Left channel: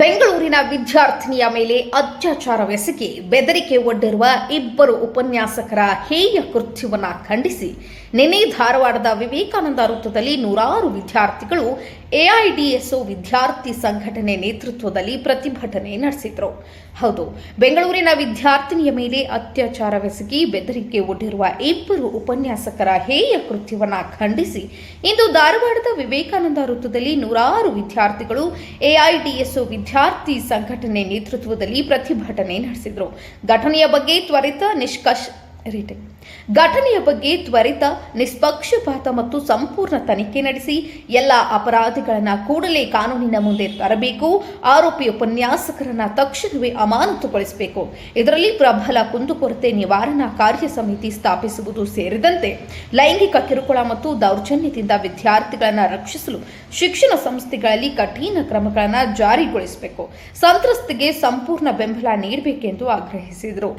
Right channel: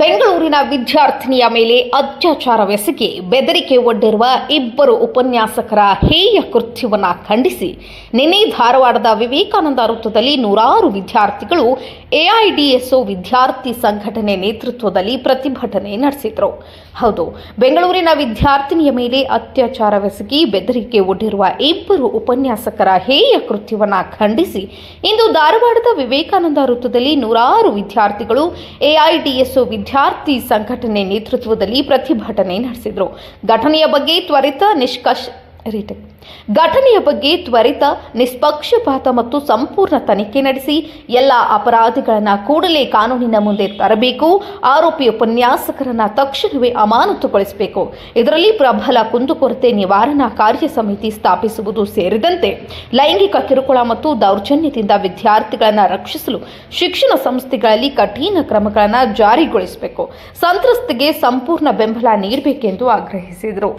ಬೆಂಗಳೂರಿನ ವಿದ್ಯಾರ್ಥಿನಿಯ ಮೇಲೆ ಅತ್ಯಾಚಾರವೆಸಗಿ ಬೆದರಿಕೆ ಒಡ್ಡಿರುವ ಇಬ್ಬರು ಉಪನ್ಯಾಸಕರ ಹೇಯ ಕೃತ್ಯವನ್ನು ಖಂಡಿಸಿ ನಿನ್ನೆ ಧಾರವಾಡದ ವಿವೇಕಾನಂದ ವೃತ್ತದಲ್ಲಿ ನೂರಾರು ವಿದ್ಯಾರ್ಥಿಗಳು ಎಐಡಿಎಸ್ಒ ವಿದ್ಯಾರ್ಥಿ ಸಂಘಟನೆ ನೇತೃತ್ವದಲ್ಲಿ ಪ್ರತಿಭಟನೆ ನಡೆಸಿದರು. ಹೌದು, ಬೆಂಗಳೂರಿನ ವಿದ್ಯಾರ್ಥಿನಿಯ ಮೇಲೆ ಅತ್ಯಾಚಾರವೆಸಗಿ ಬೆದರಿಕೆ ಒಡ್ಡಿರುವ ಇಬ್ಬರು ಉಪನ್ಯಾಸಕರ ಹೇಯ ಕೃತ್ಯವನ್ನು ಖಂಡಿಸಿ ಇಂದು ಧಾರವಾಡದ ವಿವೇಕಾನಂದ ವೃತ್ತದಲ್ಲಿ ನೂರಾರು ವಿದ್ಯಾರ್ಥಿಗಳು ಎಐಡಿಎಸ್ಒ ವಿದ್ಯಾರ್ಥಿ ಸಂಘಟನೆ ನೇತೃತ್ವದಲ್ಲಿ ಪ್ರತಿಭಟನೆ ನಡೆಸಿದರು. ಘಟನೆಯ ಬಗ್ಗೆ ತ್ವರಿತ ನಿಷ್ಪಕ್ಷಪಾತ ಮತ್ತು ಸಂಪೂರ್ಣ ತನಿಖೆ ನಡೆಸಿ ಎಲ್ಲ ಅಪರಾಧಿಗಳನ್ನು ಕೂಡಲೇ ಕಾನೂನಿನ ಮುಂದೆ ತರಬೇಕು. ಆರೋಪಿ ಉಪನ್ಯಾಸಕರನ್ನು ತಕ್ಷಣವೇ ಅಮಾನತುಗೊಳಿಸಬೇಕು. ಇದರಲ್ಲಿ ಪ್ರಬಲ ಕುಂದುಕೊರತೆ ನಿವಾರಣಾ ಕಾರ್ಯ ಸಮಿತಿ ಸ್ಥಾಪಿಸುವುದು ಸೇರಿದಂತೆ ಲೈಂಗಿಕ ಕಿರುಕುಳ ಮತ್ತು ದೌರ್ಜನ್ಯದಿಂದ ವಿದ್ಯಾರ್ಥಿಗಳನ್ನು ರಕ್ಷಿಸಲು ಶಿಕ್ಷಣ ಸಂಸ್ಥೆಗಳಲ್ಲಿ ಕಠಿಣ ಕ್ರಮಗಳನ್ನು ಜಾರಿಗೊಳಿಸಬೇಕು. ಸಂತ್ರಸ್ತೆಗೆ ಸಂಪೂರ್ಣ ಬೆಂಬಲ ನೀಡಬೇಕೆಂದು ಆಗ್ರಹಿಸಿದರು.